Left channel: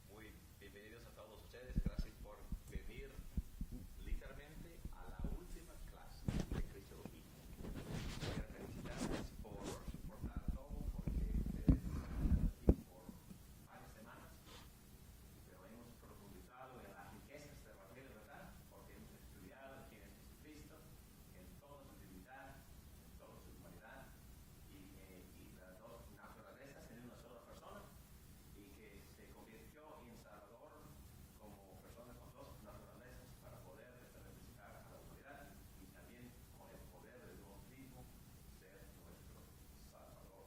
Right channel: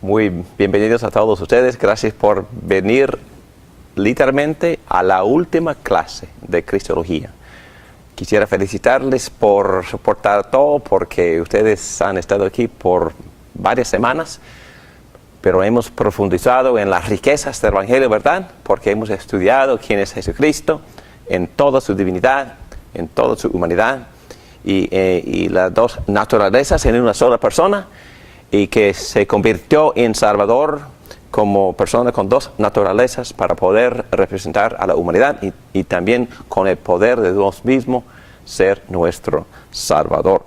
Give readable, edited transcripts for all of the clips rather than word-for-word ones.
Muy bienvenidos a todos ustedes. Gracias por venir literalmente a la última clase de Cristología. Quisiera felicitarles por soportar todo, porque ustedes han estado aquí por varias semanas, pero hemos profundizado en las riquezas del Evangelio, ¿verdad? Porque hemos estudiado quién es Jesucristo en toda su divinidad, en toda su humanidad y las dos naturalezas en una sola persona, y que se convirtió en Salvador como persona con dos naturalezas para poder representar a la humanidad y también con el poder de Dios mismo ser nuestro Salvador.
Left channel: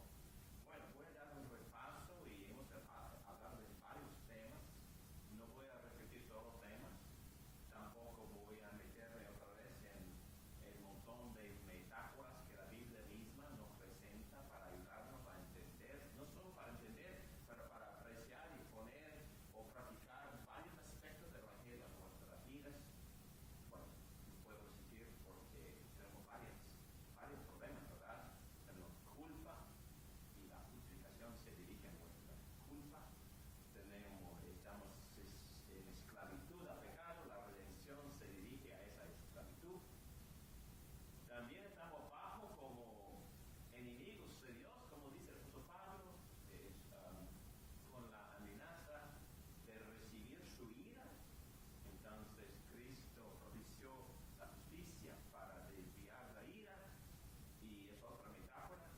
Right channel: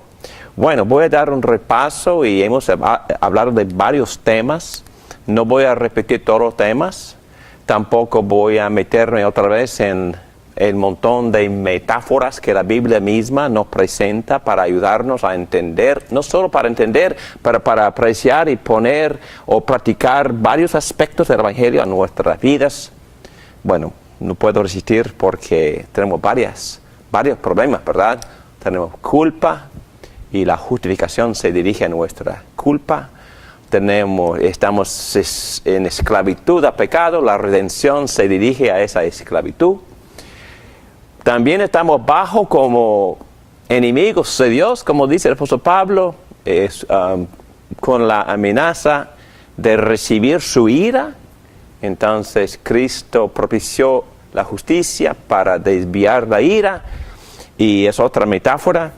Bueno, voy a dar un repaso y hemos hablado de varios temas. No voy a repetir todos los temas, tampoco voy a meterme otra vez en el montón de metáforas que la Biblia misma nos presenta para ayudarnos a entender, no solo para entender, pero para apreciar y poner o practicar varios aspectos del Evangelio a nuestras vidas. Bueno, no puedo resistir porque tenemos varios problemas, ¿verdad? Tenemos culpa y la justificación se dirige a nuestra culpa. Estamos en esclavitud a pecado, la redención se dirige a esa esclavitud. También estamos bajo como enemigos de Dios, como dice el apóstol Pablo, con la amenaza de recibir su ira. Entonces Cristo propició la justicia para desviar la ira, y es otra metáfora.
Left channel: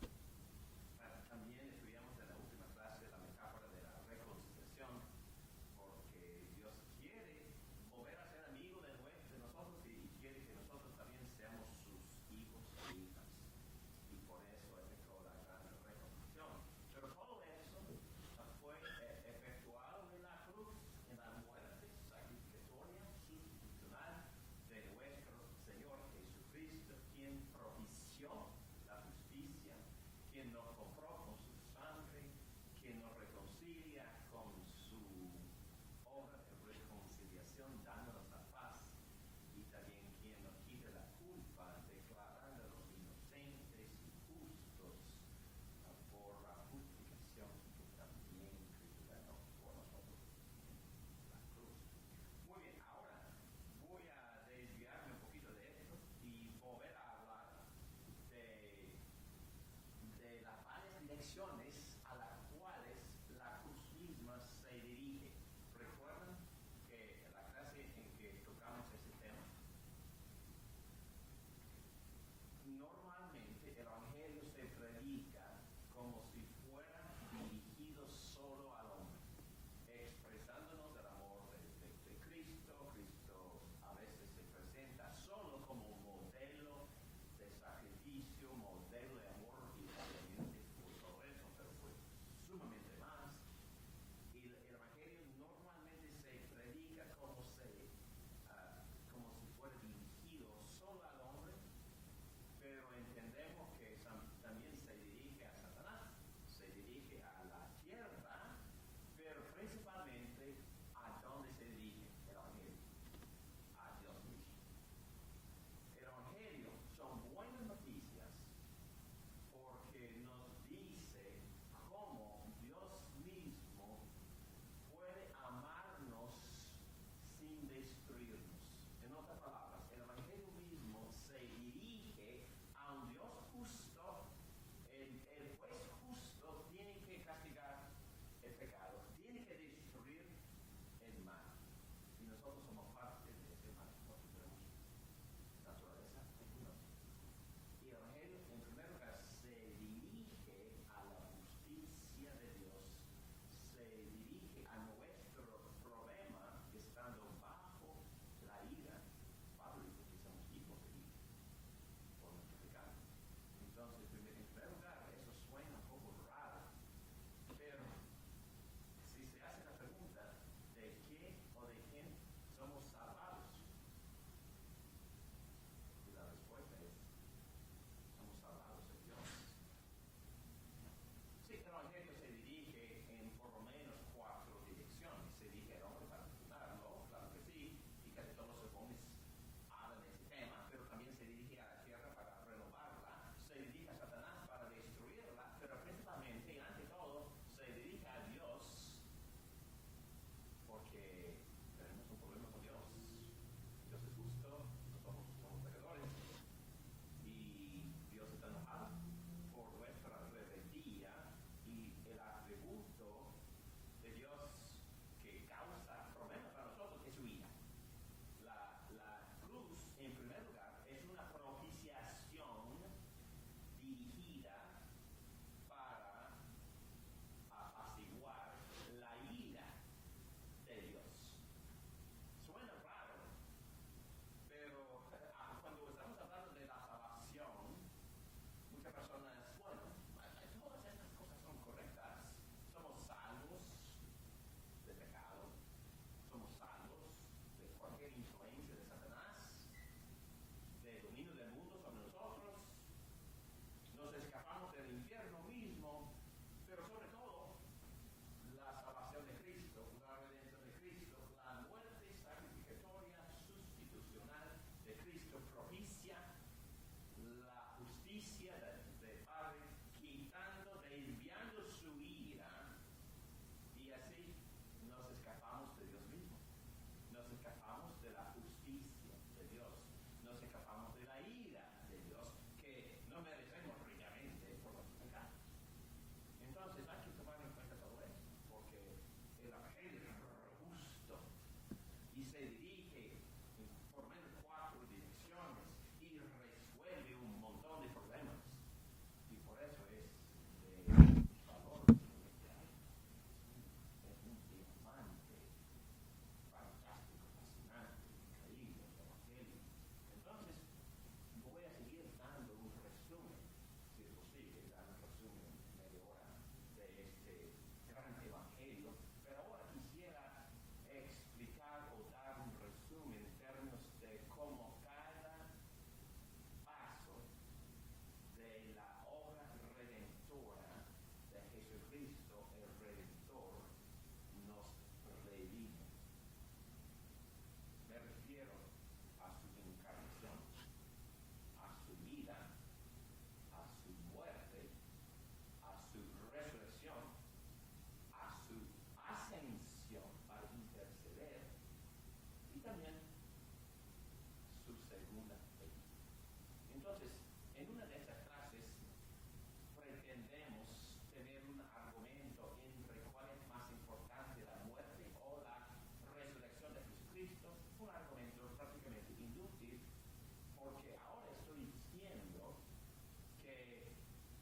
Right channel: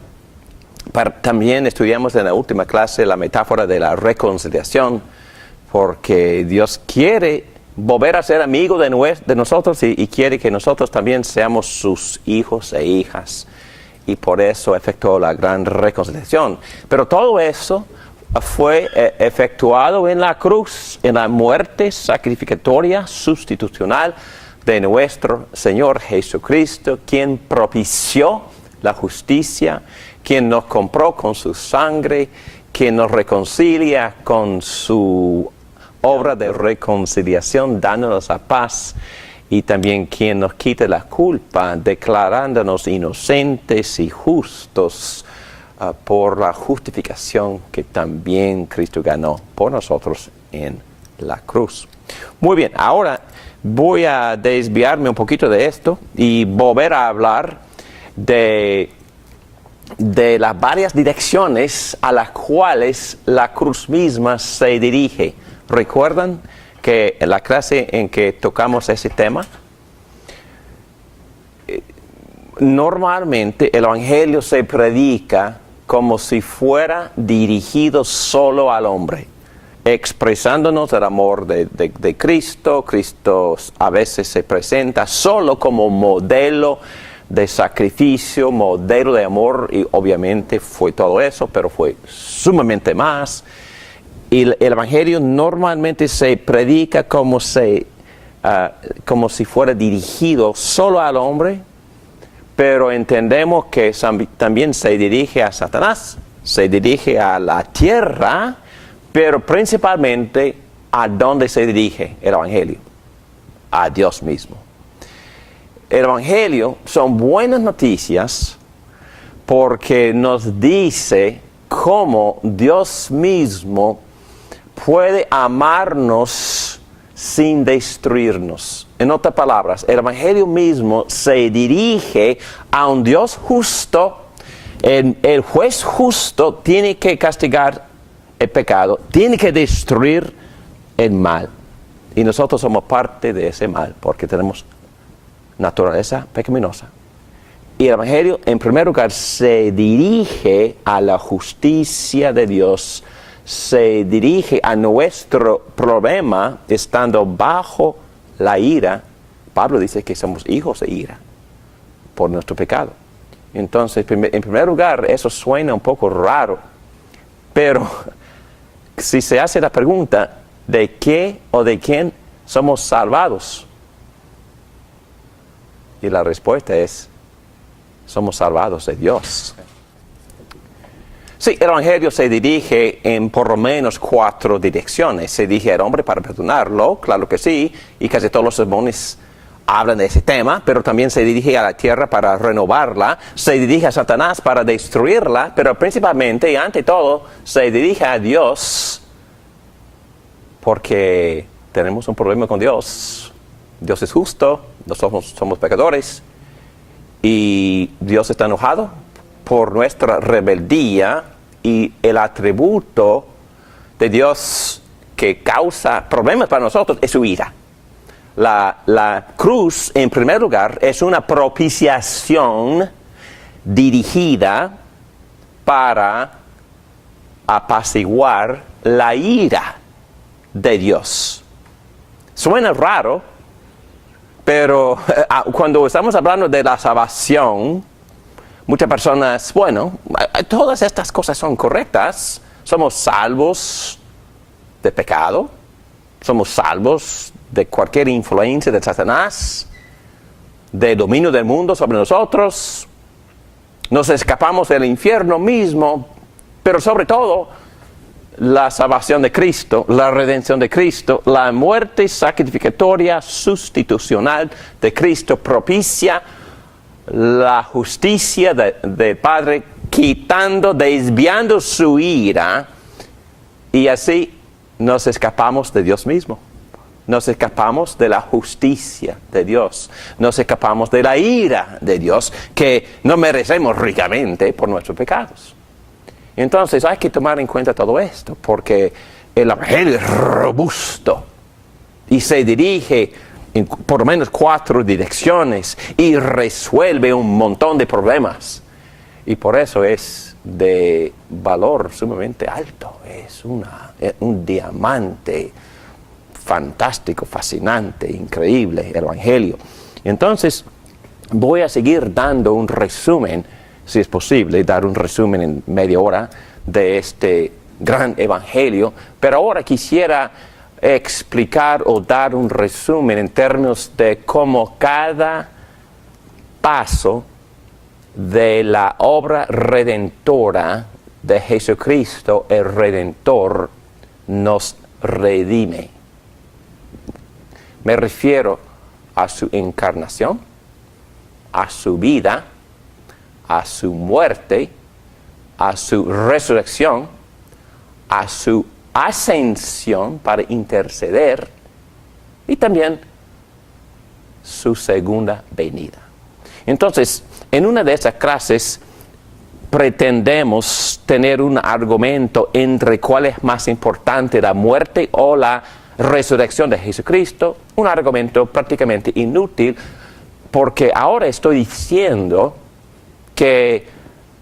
También estudiamos en la última clase la metáfora de la reconciliación, porque Dios quiere volver a ser amigo de nosotros y quiere que nosotros también seamos sus hijos e hijas, y por eso efectuó la gran reconciliación. Pero todo eso fue efectuado en la cruz, en la muerte sacrificatoria sustitucional de nuestro Señor Jesucristo, quien propició la justicia, quien nos compró con su sangre, quien nos reconcilia con su obra de reconciliación, dándonos la paz, y también quien nos quita la culpa, declarándonos inocentes y justos por la justificación que también Cristo ganó por nosotros en la cruz. Muy bien, ahora voy a desviarme un poquito de esto y volver a hablar de las varias direcciones a las cuales la cruz misma se dirige. ¿Recuerdan que en la clase en que tocamos ese tema? Normalmente el Evangelio se predica como si fuera dirigido solo al hombre, expresándonos el amor de Cristo. Cristo a veces se presenta solo como modelo de sacrificio, modelo de amor, y obviamente fue todo eso, pero fue sumamente más. Y el Evangelio normalmente se predica como si fuera dirigido solo al hombre, pero entendemos que también se dirige a Satanás, se dirige a la tierra, pero principalmente ¿a dónde se dirige el Evangelio? A Dios mismo. El Evangelio son buenas noticias porque nos dice cómo Dios mismo puede amarnos sin destruirnos. En otras palabras, el Evangelio mismo se dirige a un Dios justo. El juez justo tiene que castigar el pecado, tiene que destruir el mal. Y nosotros somos parte de ese mal porque tenemos naturaleza pecaminosa. Y el Evangelio, en primer lugar, se dirige a la justicia de Dios, se dirige a nuestro problema estando bajo la ira. Pablo dice que somos hijos de ira por nuestro pecado. Entonces, en primer lugar, eso suena un poco raro, pero si se hace la pregunta de qué o de quién somos salvados, y la respuesta es: somos salvados de Dios. Sí, el Evangelio se dirige en por lo menos 4 direcciones. Se dirige al hombre para perdonarlo, claro que sí, y casi todos los sermones hablan de ese tema, pero también se dirige a la tierra para renovarla, se dirige a Satanás para destruirla, pero principalmente y ante todo se dirige a Dios porque tenemos un problema con Dios. Dios es justo, nosotros somos pecadores y Dios está enojado por nuestra rebeldía, y el atributo de Dios que causa problemas para nosotros es su ira. La cruz, en primer lugar, es una propiciación dirigida para apaciguar la ira de Dios. Suena raro, pero cuando estamos hablando de la salvación, muchas personas, bueno, todas estas cosas son correctas. Somos salvos de pecado, somos salvos de cualquier influencia de Satanás, de dominio del mundo sobre nosotros, nos escapamos del infierno mismo, pero sobre todo la salvación de Cristo, la redención de Cristo, la muerte sacrificatoria sustitucional de Cristo propicia la justicia del Padre, quitando, desviando su ira, y así nos escapamos de Dios mismo. Nos escapamos de la justicia de Dios. Nos escapamos de la ira de Dios, que no merecemos ricamente por nuestros pecados. Entonces hay que tomar en cuenta todo esto, porque el Evangelio es robusto y se dirige en por lo menos 4 direcciones y resuelve un montón de problemas. Y por eso es de valor sumamente alto. Es un diamante fantástico, fascinante, increíble, el Evangelio. Entonces, voy a seguir dando un resumen, si es posible, dar un resumen en media hora de este gran Evangelio, pero ahora quisiera explicar o dar un resumen en términos de cómo cada paso de la obra redentora de Jesucristo, el Redentor, nos redime. Me refiero a su encarnación, a su vida, a su muerte, a su resurrección, a su ascensión para interceder y también su segunda venida. Entonces, en una de esas clases pretendemos tener un argumento entre cuál es más importante, la muerte o la resurrección de Jesucristo, un argumento prácticamente inútil, porque ahora estoy diciendo que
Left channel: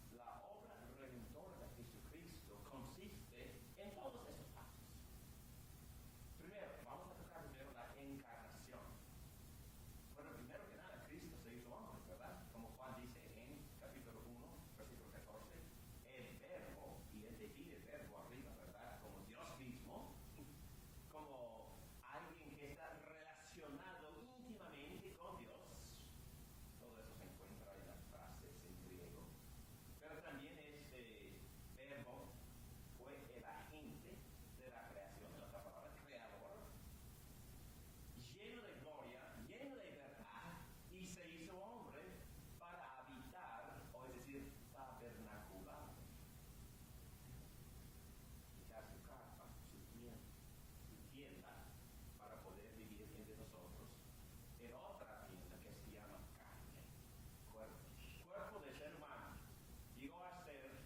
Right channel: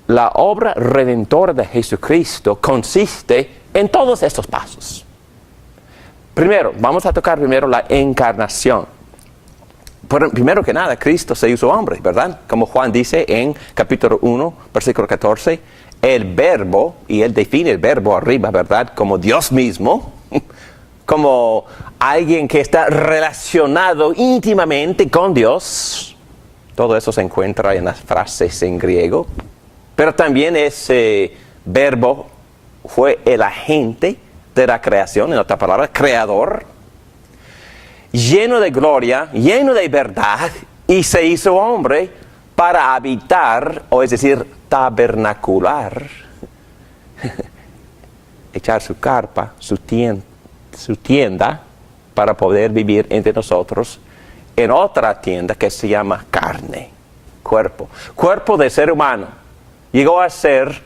la obra redentora de Jesucristo consiste en todos estos pasos. Primero, vamos a tocar primero la encarnación. Primero que nada, Cristo se hizo hombre, ¿verdad? Como Juan dice en capítulo 1, versículo 14, el verbo, y él define el verbo arriba, ¿verdad? Como Dios mismo, como alguien que está relacionado íntimamente con Dios. Todo eso se encuentra en las frases en griego. Pero también ese verbo fue el agente de la creación, en otra palabra, creador, lleno de gloria, lleno de verdad, y se hizo hombre para habitar, o es decir, tabernacular, echar su carpa, su tienda, para poder vivir entre nosotros en otra tienda que se llama carne, cuerpo de ser humano. Llegó a ser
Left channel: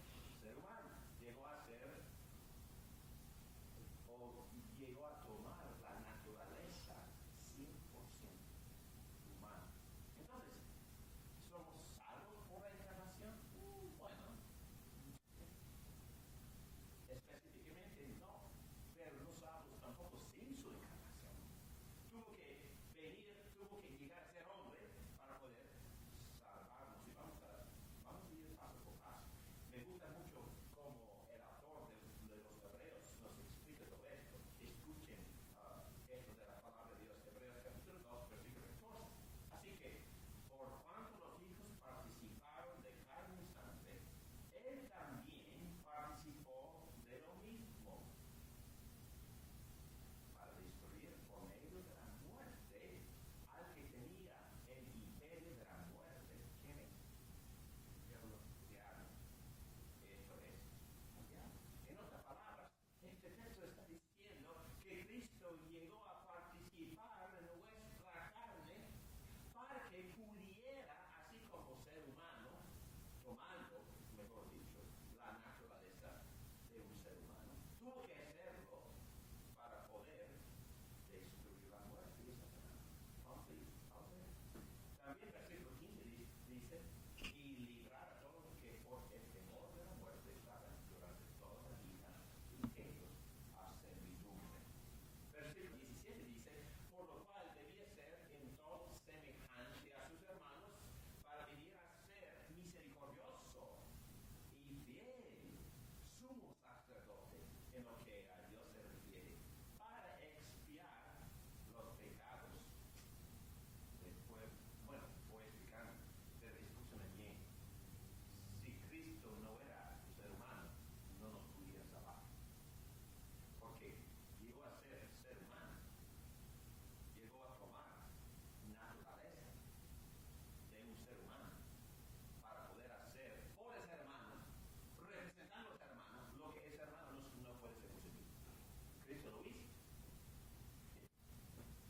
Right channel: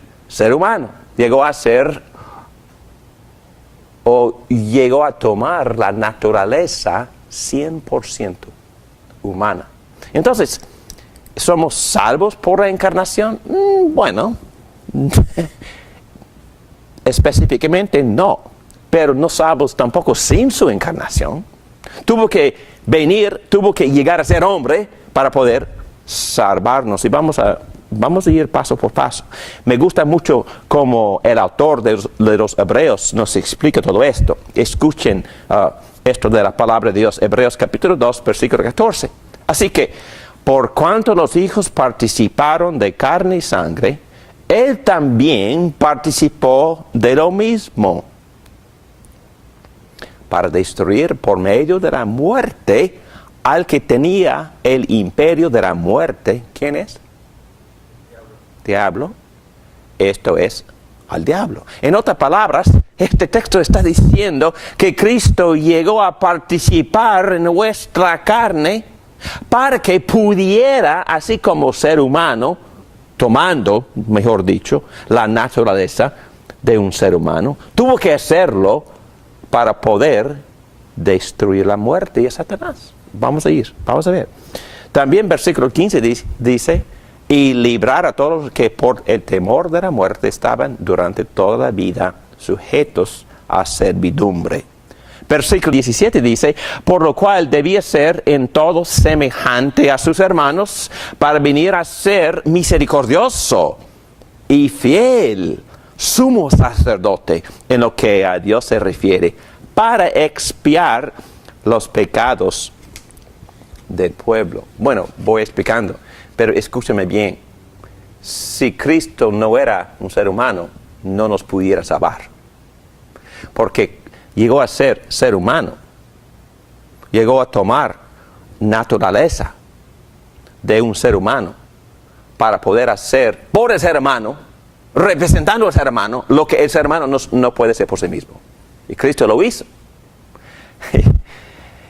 humano, llegó a tomar la naturaleza 100% humana. Entonces, ¿somos salvos por la encarnación? Bueno, específicamente no, pero no salvos tampoco sin su encarnación. Tuvo que llegar a ser hombre para poder salvarnos, y vamos a ir paso por paso. Me gusta mucho cómo el autor de los Hebreos nos explica todo esto. Escuchen esto de la palabra de Dios, Hebreos capítulo 2, versículo 14. Así que, por cuanto los hijos participaron de carne y sangre, Él también participó de lo mismo, para destruir por medio de la muerte al que tenía el imperio de la muerte. ¿Quién es? Diablo. Esto es al diablo. En otras palabras, este texto está diciendo que Cristo llegó a participar en nuestra carne para que pudiera, así como ser humano, tomando, mejor dicho, la naturaleza de un ser humano, tuvo que hacerlo para poder destruir la muerte y a Satanás. Vamos a ver. También versículo 15 dice, y librar a todos los que por el temor de la muerte estaban durante toda la vida sujetos a servidumbre. Versículo 17 dice, por lo cual debía ser en todo semejante a sus hermanos, para venir a ser misericordioso y fiel, sumo sacerdote en lo que a Dios se refiere, para expiar los pecados del pueblo. Bueno, voy explicando, pero escúchame bien. Si Cristo no era un ser humano, no nos pudiera salvar. Porque llegó a ser humano. Llegó a tomar naturaleza de un ser humano para poder hacer por el ser humano, representando al ser humano, lo que el ser humano no puede ser por sí mismo. Y Cristo lo hizo.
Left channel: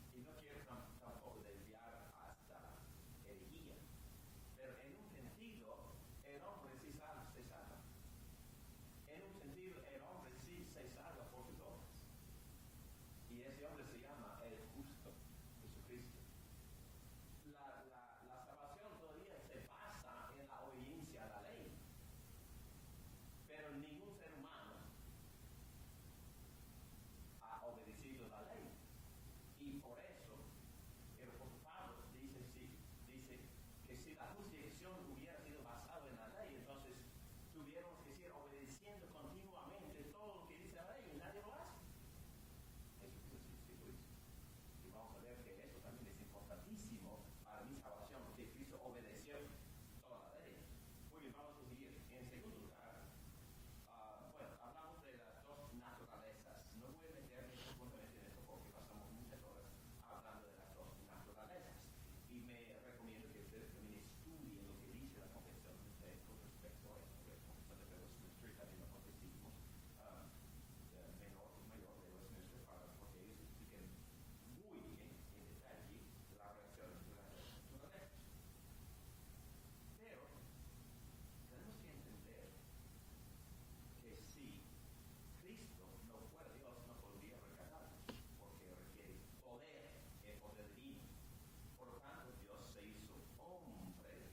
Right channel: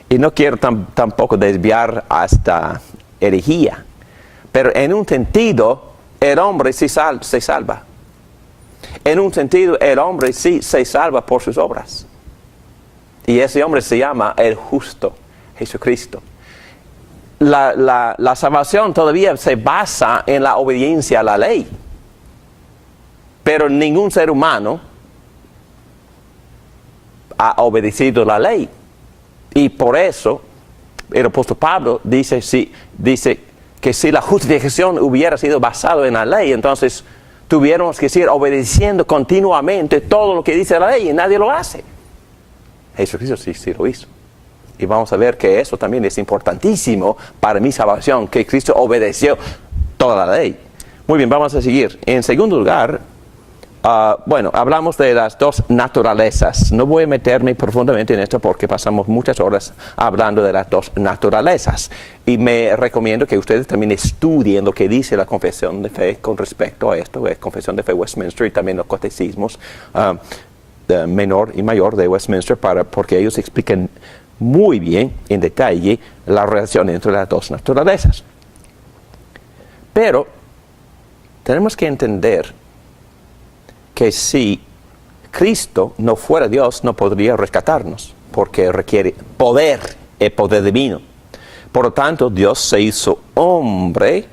Y no quiero tampoco desviar hasta herejía, pero en un sentido el hombre sí se salva. En un sentido el hombre sí se salva por sus obras. Y ese hombre se llama el justo, Jesucristo. La salvación todavía se basa en la obediencia a la ley. Pero ningún ser humano ha obedecido la ley. Y por eso el apóstol Pablo dice que si la justificación hubiera sido basada en la ley, entonces tuviéramos que seguir obedeciendo continuamente todo lo que dice la ley y nadie lo hace. Jesucristo sí lo hizo. Y vamos a ver que eso también es importantísimo para mi salvación, que Cristo obedeció toda la ley. Muy bien, vamos a seguir. En segundo lugar, hablamos de las dos naturalezas. No voy a meterme profundamente en esto porque pasamos muchas horas hablando de las dos naturalezas. Y me recomiendo que ustedes también estudien lo que dice la Confesión de Fe con respecto a esto, la Confesión de Fe Westminster y también los catecismos menor y mayor de Westminster, porque ellos explican muy bien, en detalle, la relación entre las dos naturalezas. Pero tenemos que entender que si Cristo no fuera Dios, no podría rescatarnos, porque requiere poder, el poder divino. Por lo tanto, Dios se hizo hombre.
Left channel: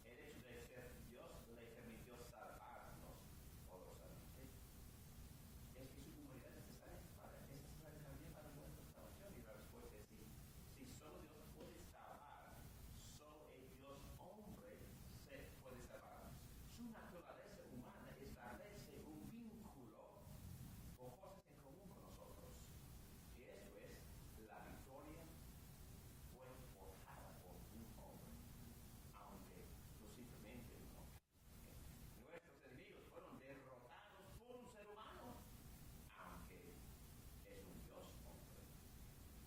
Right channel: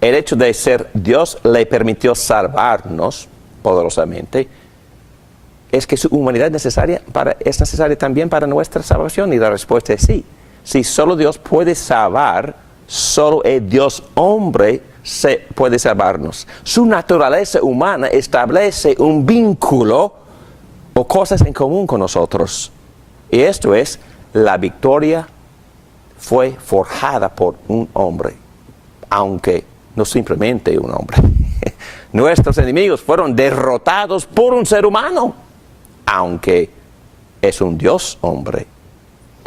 El hecho de ser Dios le permitió salvarnos poderosamente. ¿Es que su humanidad es necesaria también para nuestra salvación? Y la respuesta es sí. Si solo Dios puede salvar, solo el Dios hombre puede salvarnos. Su naturaleza humana establece un vínculo o cosas en común con nosotros. Y esto es, la victoria fue forjada por un hombre, aunque no simplemente un hombre. Nuestros enemigos fueron derrotados por un ser humano, aunque es un Dios hombre.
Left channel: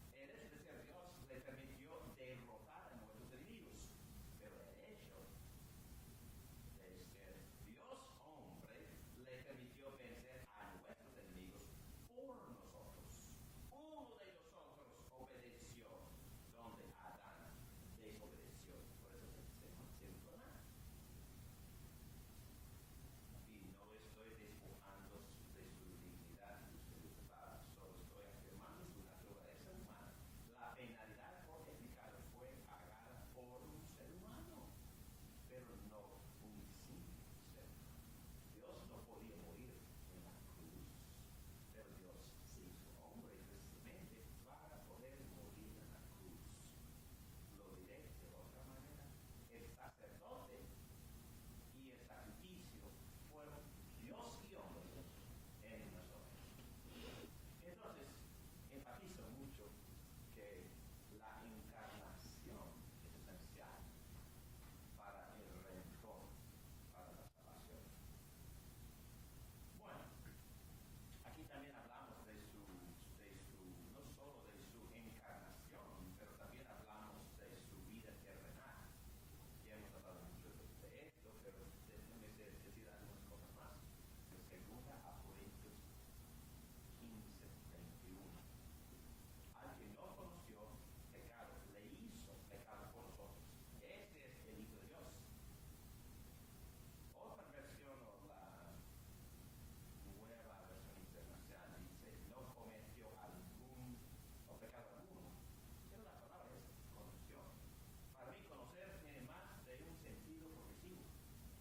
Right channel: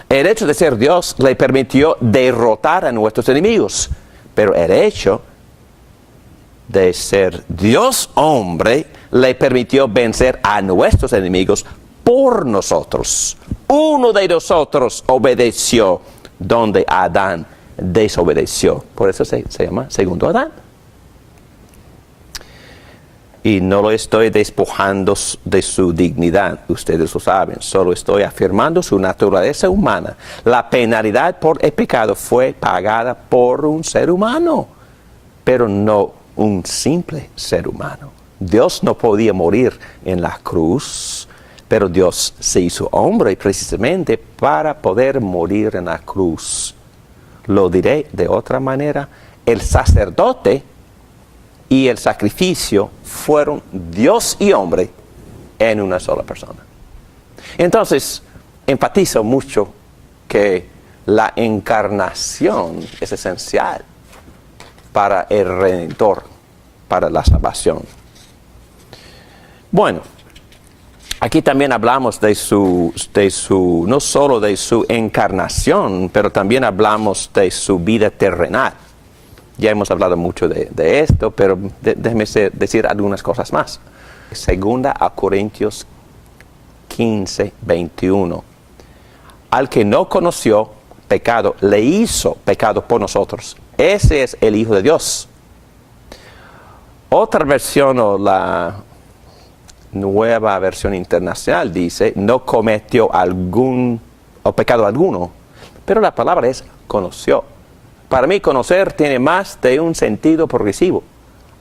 El hecho de ser Dios le permitió derrotar a nuestros enemigos, pero el hecho de ser Dios hombre le permitió vencer a nuestros enemigos por nosotros. Uno de nosotros obedeció donde Adán desobedeció. Por eso se llama segundo Adán. Y no lo estoy despojando de su dignidad, ustedes lo saben, solo estoy afirmando su naturaleza humana. La penalidad por el pecado fue pagada por un ser humano, pero no un simple ser humano. Dios no podía morir en la cruz, pero Dios se hizo hombre precisamente para poder morir en la cruz. Lo diré de otra manera, el sacerdote y el sacrificio fueron Dios y hombre en una sola persona. Entonces, enfatizo mucho que la encarnación es esencial para el Redentor. para la salvación. Bueno, aquí también hablamos no solo de su encarnación, pero también hablamos de su vida terrenal. Ya hemos hablado mucho de esto, pero déjeme decir algunas cosas más. Segunda a Corintios 15, 21. Al que no conoció pecado, le hizo pecado por nosotros. Ese es el Hijo de Dios. Otra versión, o la Nueva Versión Internacional, dice, no cometió pecado alguno, pero la palabra es conoció. Para mí, conocer tiene más de un sentido progresivo.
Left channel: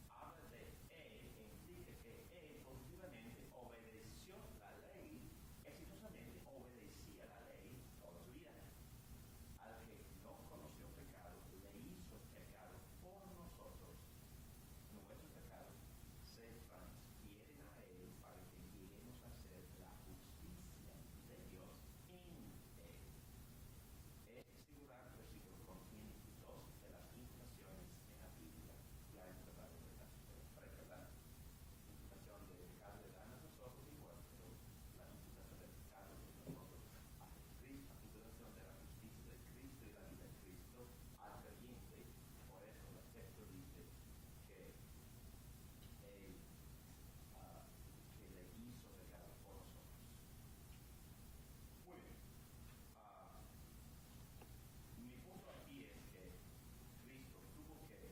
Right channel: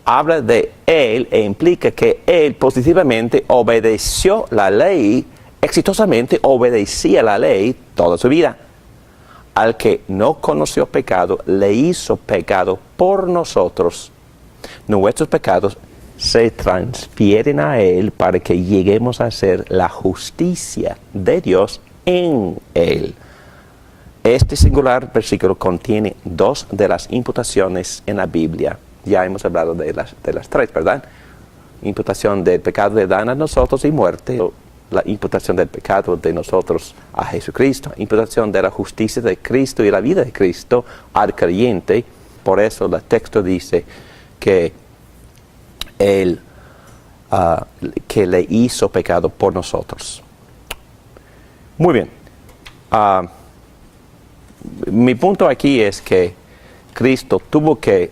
Habla de él e implica que él positivamente obedeció la ley, exitosamente obedecía la ley toda su vida. Al que no conoció pecado, le hizo pecado por nosotros. Nuestros pecados se transfieren a él para que lleguemos a ser la justicia de Dios en él. Este singular versículo contiene dos de las imputaciones en la Biblia. Ya hemos hablado de las tres, ¿verdad? Imputación del pecado de Adán a nosotros y muerte. La imputación del pecado de nosotros a Jesucristo. Imputación de la justicia de Cristo y la vida de Cristo al creyente. Por eso el texto dice que Él que le hizo pecado por nosotros. Muy bien. Mi punto aquí es que Cristo tuvo que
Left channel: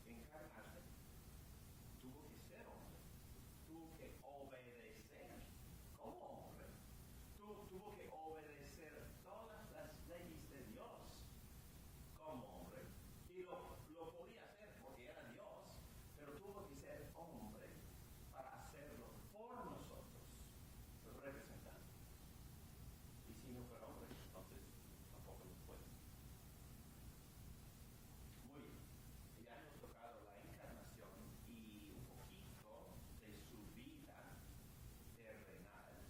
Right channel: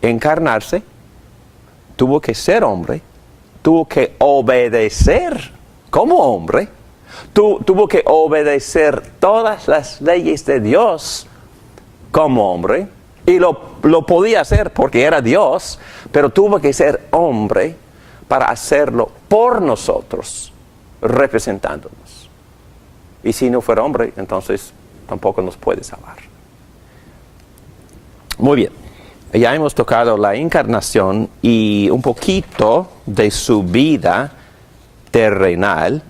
encarnarse, tuvo que ser hombre, tuvo que obedecer como hombre, tuvo que obedecer todas las leyes de Dios como hombre, y lo podía hacer porque era Dios, pero tuvo que ser hombre para hacerlo por nosotros, representándonos. Y si no fuera hombre, entonces tampoco nos puede salvar. Muy bien, ya hemos tocado la encarnación y un poquito de su vida terrenal,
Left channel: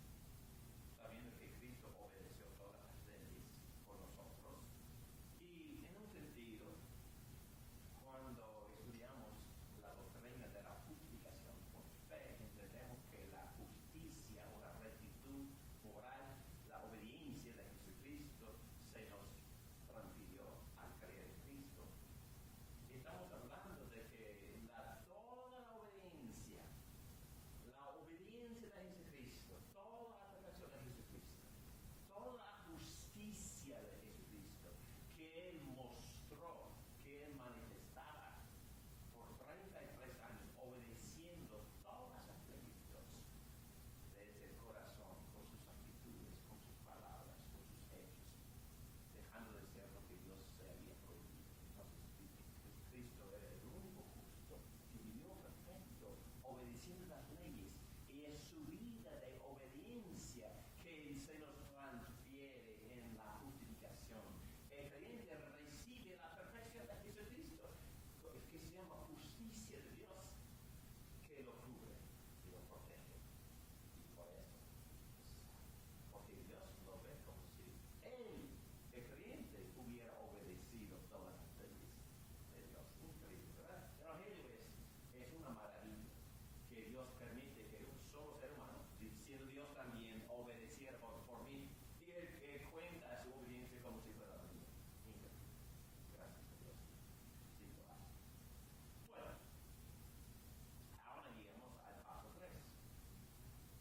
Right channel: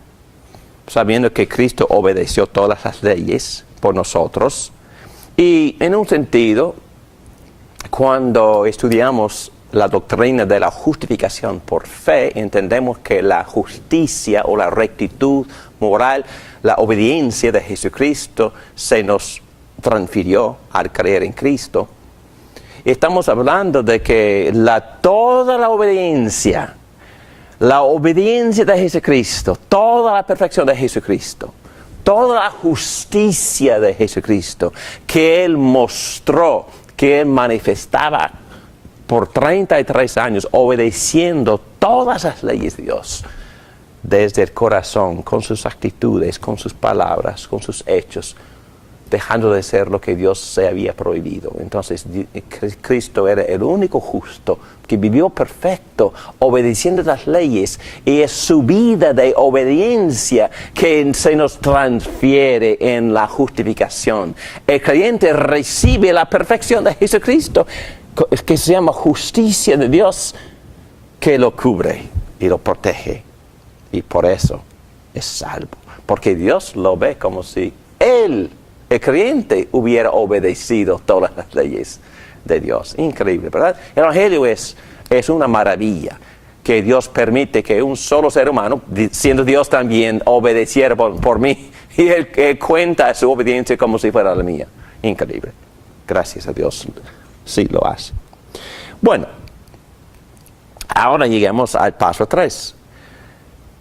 sabiendo que Cristo obedeció todas las leyes por nosotros. Y en un sentido, cuando estudiamos la doctrina de la justificación por fe, entendemos que la justicia o la rectitud moral, la obediencia de Jesucristo se nos transfirió al creer en Cristo. Estamos hablando de que toda la obediencia de Jesucristo, toda la perfección de Jesucristo, toda la justicia de Jesucristo que Él mostró, que Él manifestaba por 33 años, obedeciendo todas las leyes de Dios, desde el corazón, con sus actitudes, con sus palabras, con sus hechos, dejando de ser lo que Dios se había prohibido. Entonces, Cristo era el único justo que vivió perfecto, obedeciendo las leyes, y es su vida de obediencia que se nos transfiere en la justificación. El creyente recibe la perfección de Jesucristo, que se llama justicia de Dios, que lo cubre y lo protege, y por eso es salvo, porque Dios lo ve como si Él, el creyente, hubiera obedecido todas las leyes de Dios. Increíble, ¿verdad? El Evangelio es una maravilla, que Dios permite que un solo ser humano, siendo Dios también, obedeciera por mí, y Él cuenta su obediencia como si fuera la mía. Increíble. Gracias a Dios, sí lo hace. Bueno, ahora llegamos al paso 3.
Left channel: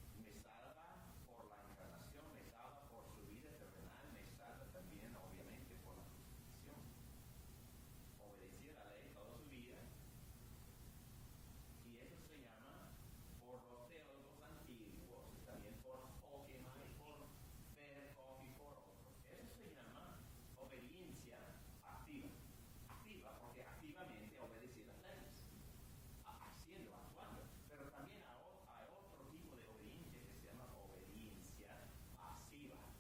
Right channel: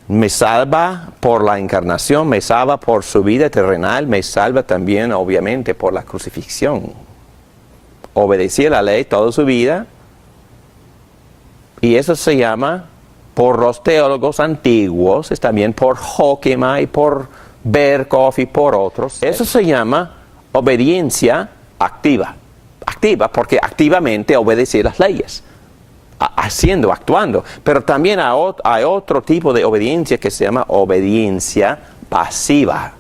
Me salva por la encarnación, me salva por su vida terrenal, me salva también, obviamente, por la crucifixión. Obedecía la ley toda su vida, y eso se llama, por los teólogos antiguos, es también por Hoekema y por Berkhoff y por otros, eso se llama obediencia activa. Activa porque activamente obedece las leyes. Actuando, pero también hay otro tipo de obediencia que se llama obediencia pasiva.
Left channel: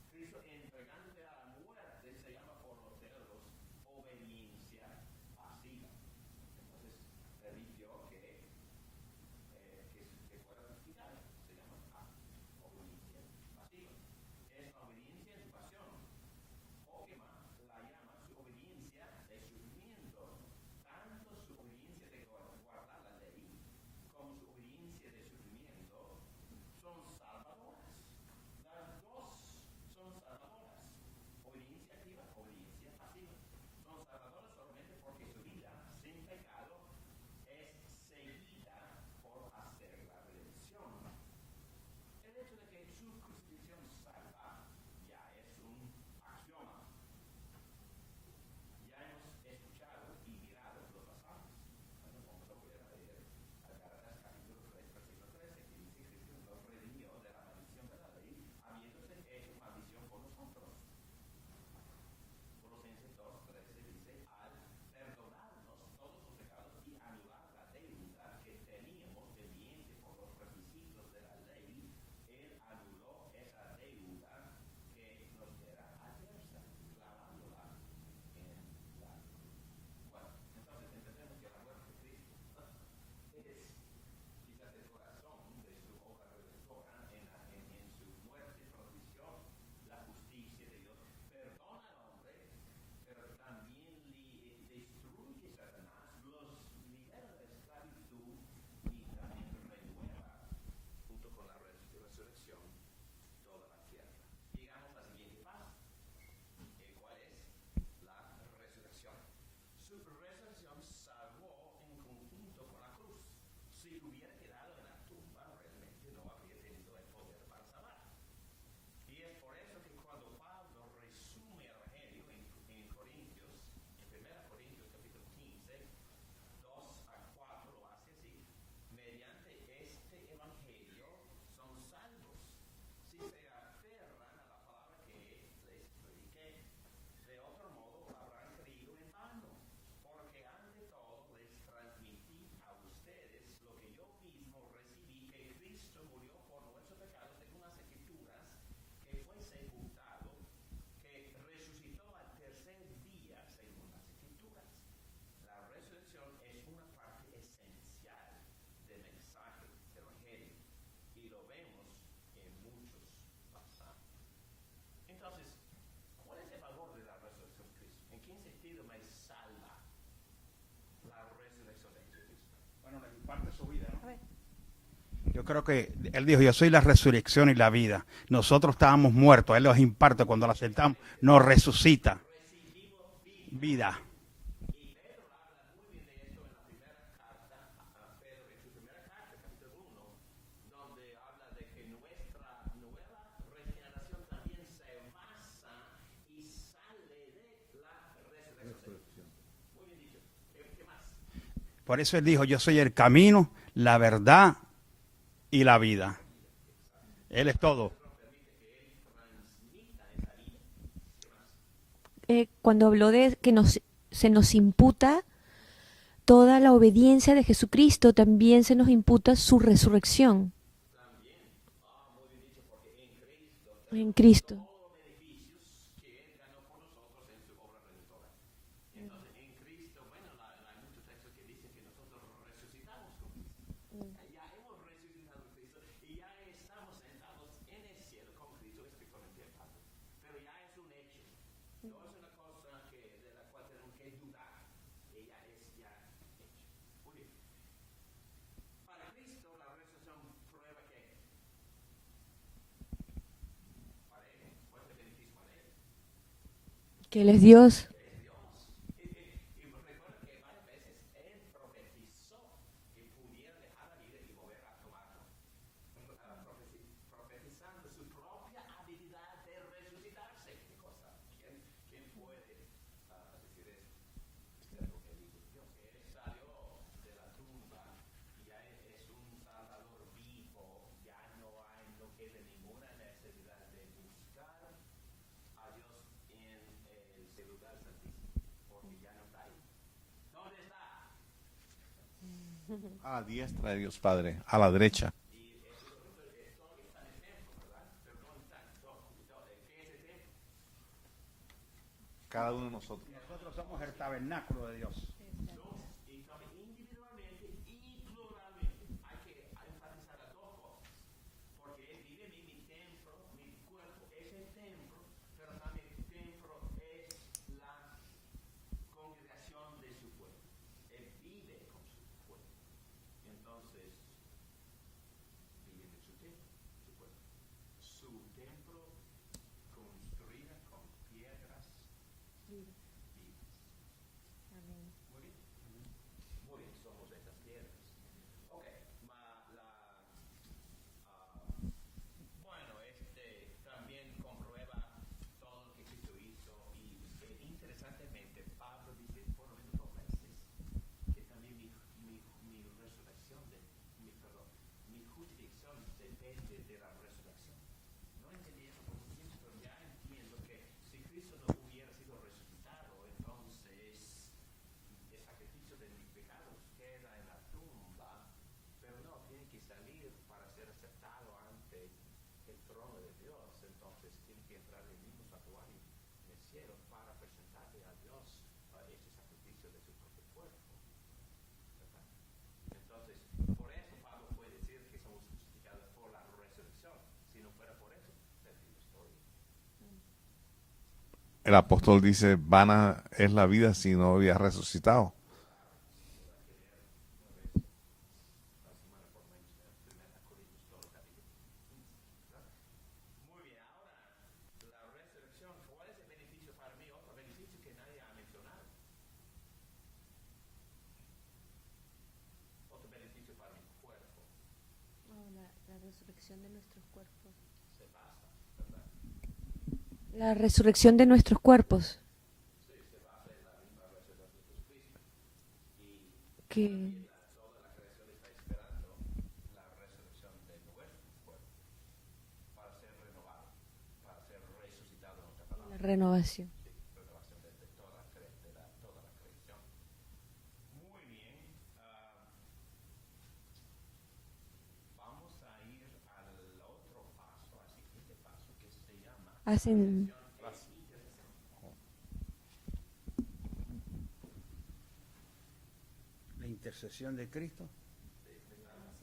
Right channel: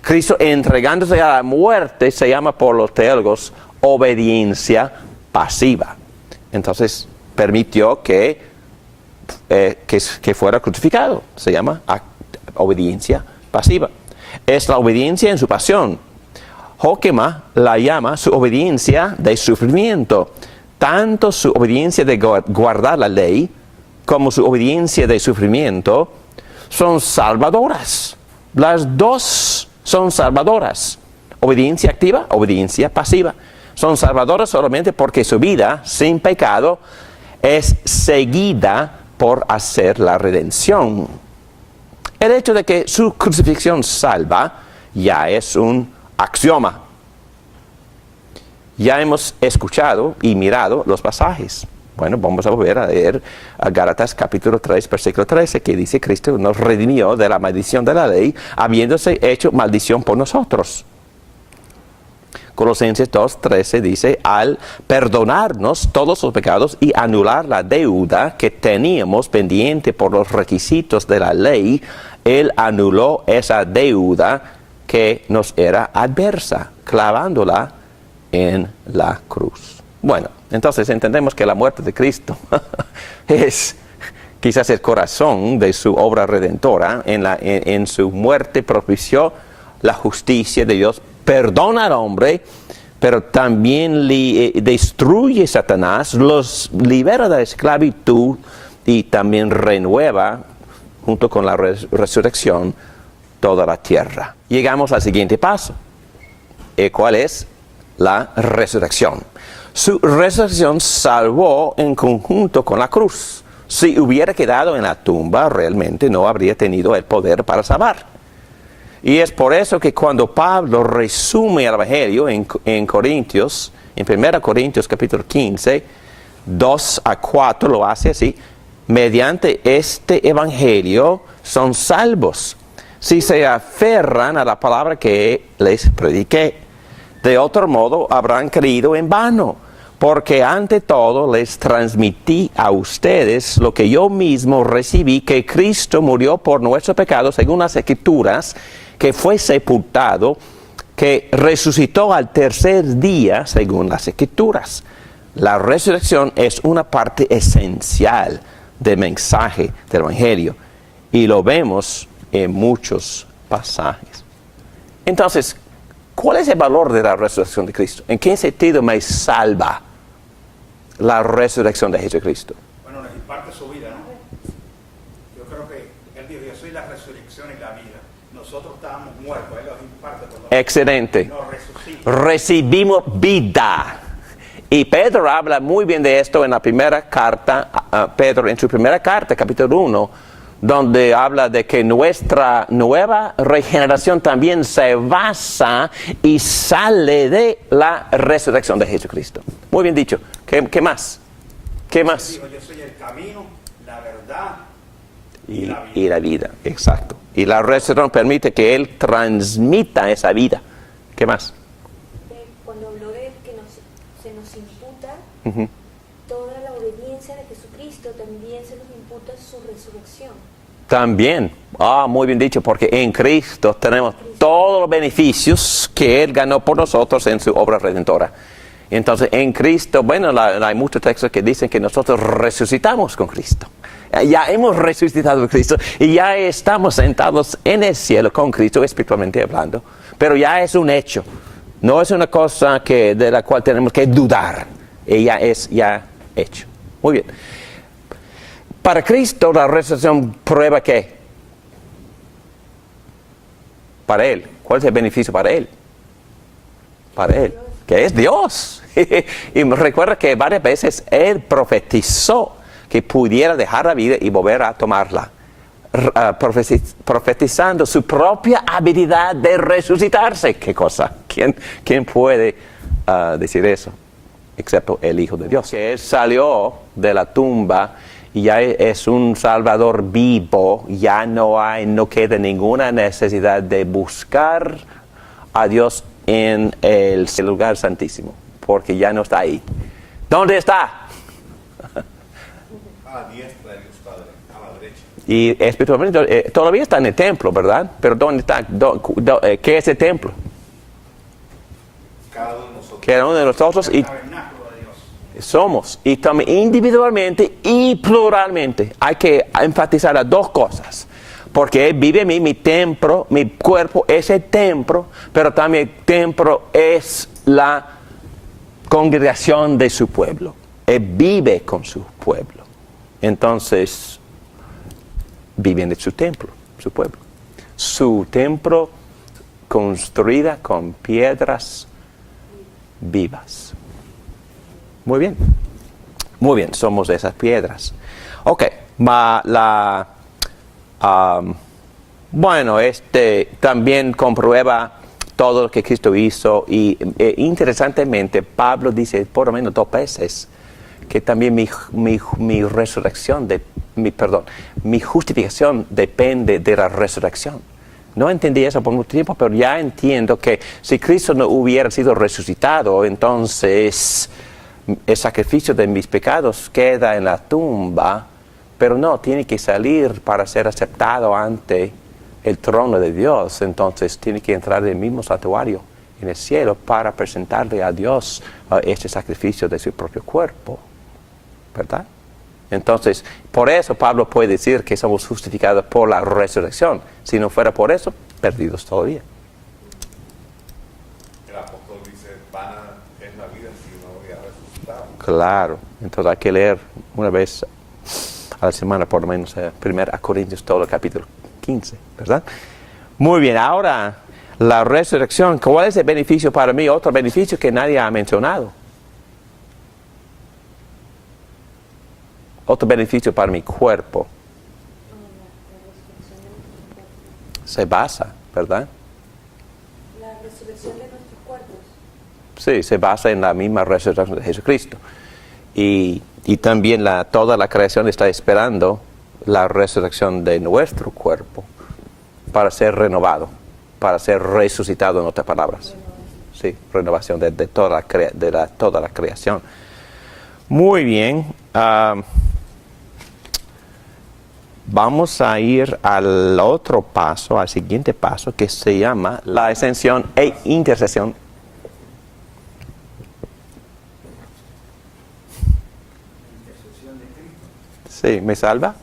Cristo entregándose a la muerte se llama por los teólogos obediencia pasiva. Entonces permitió que fuera crucificado, se llama obediencia pasiva. Es la obediencia en su pasión. Hoekema la llama su obediencia de sufrimiento. tanto su obediencia de guardar la ley como su obediencia de sufrimiento son salvadoras. Las dos son salvadoras. Obediencia activa, obediencia pasiva. Son salvadoras solamente porque su vida sin pecado es seguida por hacer la redención. El hecho de que su crucifixión salva ya es un axioma. Ya hemos escuchado y mirado los pasajes. Bueno, vamos a volver a leer a Gálatas capítulo 3, versículo 13, que dice: Cristo nos redimió de la maldición de la ley, habiéndose hecho maldición por nosotros. Colosenses 2:13 dice: al perdonarnos todos los pecados y anular la deuda que teníamos pendiente por los requisitos de la ley, Él anuló esa deuda que nos era adversa, clavándola en la cruz. Bueno, entonces entendemos que la muerte de Cristo es quizás el corazón de su obra redentora. En su muerte propició la justicia de Dios, perdona al hombre, pero también destruye a Satanás, los libera de la esclavitud y también renueva, junto con la resurrección, toda la tierra. Llegamos al siguiente paso. ¿Cuál es? La resurrección. Su resurrección salvó en conjunto con la cruz. Si hubiera quedado en la tumba, realmente no habría tenido el poder para salvar. Y es por eso que cuando Pablo resume el Evangelio en Corintios, en 1 Corintios capítulo 15, 2 a 4 lo hace así: mediante este Evangelio son salvos, si se aferran a la palabra que les prediqué. De otro modo habrán creído en vano, porque ante todo les transmití a ustedes lo que yo mismo recibí, que Cristo murió por nuestros pecados según las Escrituras, que fue sepultado, que resucitó al tercer día según las Escrituras. La resurrección es una parte esencial del mensaje del Evangelio y lo vemos en muchos pasajes. Entonces, ¿cuál es el valor de la resurrección de Cristo? ¿En qué sentido me salva la resurrección de Jesucristo? Bueno, nos imparte su vida, ¿no? Yo creo que Él dijo: yo soy la resurrección y la vida. Nosotros estábamos muertos, Él nos imparte cuando la Excelente. Nos resucita. Recibimos vida. Y Pedro habla muy bien de esto en la primera carta, Pedro en su primera carta, capítulo 1, donde habla de que nuestra nueva regeneración también se basa y sale de la resurrección de Jesucristo. Muy bien dicho. ¿Qué más? ¿Qué más? Él dijo: yo soy el camino, la verdad y la vida. Y la vida, exacto. Y la resurrección permite que Él transmita esa vida. ¿Qué más? Cuando habló de que se nos imputa toda la obediencia de Jesucristo, también se nos imputa su resurrección. También, muy bien dicho, porque en Cristo tenemos todos los beneficios que Él ganó por nosotros en su obra redentora. Entonces, en Cristo, bueno, hay muchos textos que dicen que nosotros resucitamos con Cristo. Ya hemos resucitado con Cristo y ya estamos sentados en el cielo con Cristo, espiritualmente hablando. Pero ya es un hecho, no es una cosa de la cual tenemos que dudar. Ella es ya hecho. Muy bien. Para Cristo la resurrección prueba ¿qué? Para Él. ¿Cuál es el beneficio para Él? Para Él. Dios. Que es Dios. Y recuerda que varias veces Él profetizó que pudiera dejar la vida y volver a tomarla. Profetizando su propia habilidad de resucitarse. ¿Qué cosa? ¿Quién puede decir eso? Excepto el Hijo de Dios. Que Él salió de la tumba y ya es un Salvador vivo, ya no queda ninguna necesidad de buscar a Dios en el lugar santísimo, porque ya no está ahí. ¿Dónde está? A la diestra de Dios Padre, a la derecha. Y espiritualmente todavía está en el templo, ¿verdad? Pero ¿dónde está? ¿Qué es el templo? Cada uno de nosotros. Cada uno de nosotros y somos, y también individualmente y pluralmente. Hay que enfatizar las dos cosas, porque Él vive en mí, mi templo, mi cuerpo es el templo, pero también el templo es la congregación de su pueblo. Él vive con su pueblo. Entonces, viven en su templo, su pueblo. Su templo construida con piedras vivas. Muy bien. Muy bien, somos esas piedras. Ok, bueno, también comprueba todo lo que Cristo hizo y interesantemente Pablo dice por lo menos 2 veces que también mi resurrección, mi justificación depende de la resurrección. No entendí eso por mucho tiempo, pero ya entiendo que si Cristo no hubiera sido resucitado, entonces el sacrificio de mis pecados queda en la tumba, pero no, tiene que salir para ser aceptado ante el trono de Dios. Entonces tiene que entrar en el mismo santuario en el cielo para presentarle a Dios este sacrificio de su propio cuerpo, ¿verdad? Entonces, por eso Pablo puede decir que somos justificados por la resurrección. Si no fuera por eso, perdidos todavía. El apóstol dice, vana es la vida si no había resucitado. Claro, entonces hay que leer una vez a la semana por lo menos 1 Corintios todo el capítulo 15, ¿verdad? Muy bien, ahora la resurrección, ¿cuál es el beneficio para mí? Otro beneficio que nadie ha mencionado. Otro beneficio para mi cuerpo. Se basa, ¿verdad? La resurrección de nuestros cuerpos. Sí, se basa en la misma resurrección de Jesucristo. Y también toda la creación está esperando la resurrección de nuestro cuerpo para ser renovado, para ser resucitado, en otras palabras. Renovación. Sí, renovación de toda la creación. Muy bien. Vamos a ir al otro paso, al siguiente paso, que se llama la ascensión e intercesión. Sí, ¿me salva?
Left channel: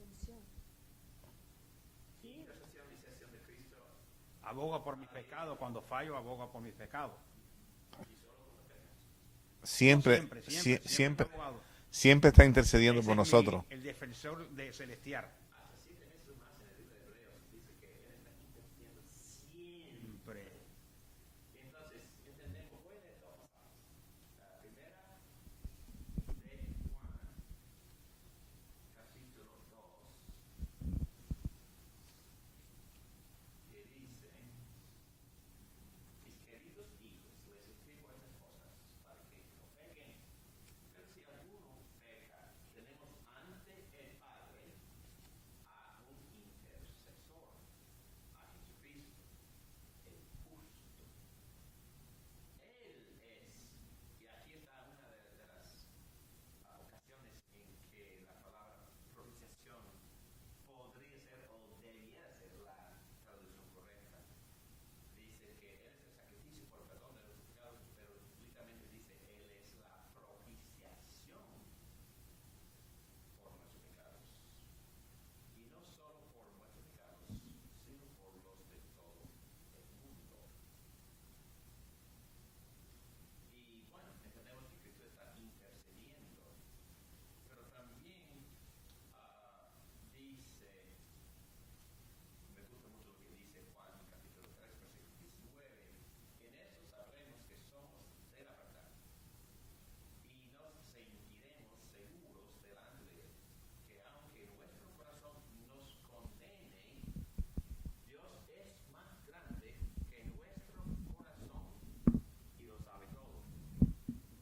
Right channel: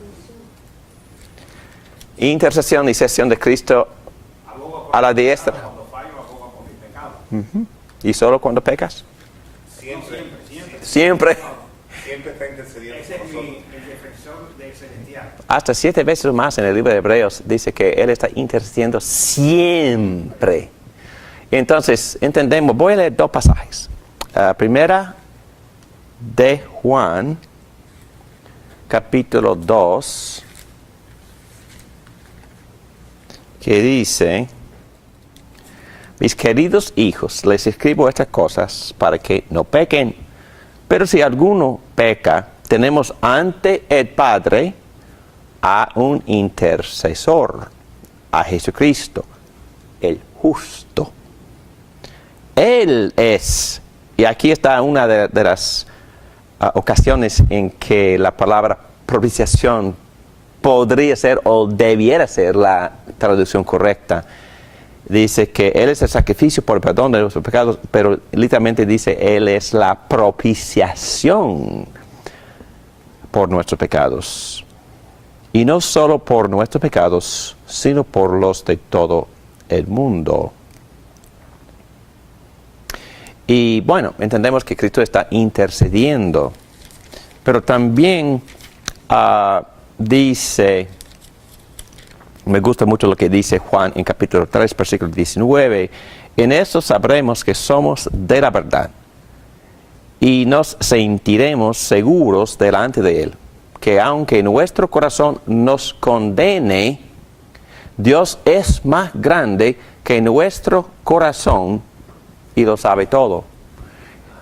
Intercesión y sesión de Cristo a la diestra. ¿Y solo cuando pecas? Siempre está intercediendo por nosotros. Hasta 7 veces más en el libro de Hebreos dice que Él está intercediendo siempre. Entonces, entendemos, voy a leer 2 pasajes. Primera de Juan, capítulo 2, que dice, mis queridos hijos, les escribo estas cosas para que no pequen. Pero si alguno peca, tenemos ante el Padre a un intercesor, a Jesucristo, el justo. Él es, y aquí está una de las ocasiones en que la palabra propiciación podría ser o debiera ser la traducción correcta. Dice que Él es el sacrificio por el perdón de nuestros pecados, pero literalmente dice Él es la propiciación por nuestros pecados. Y no solo por nuestros pecados, sino por los de todo el mundo. Y bueno, entendemos que Cristo está intercediendo, pero también dice, me gusta mucho lo que dice Juan en capítulo 3, versículo 19, en eso sabremos que somos de la verdad y nos sentiremos seguros delante de Él, que aunque nuestro corazón nos condene, Dios es más grande que nuestro corazón y lo sabe todo.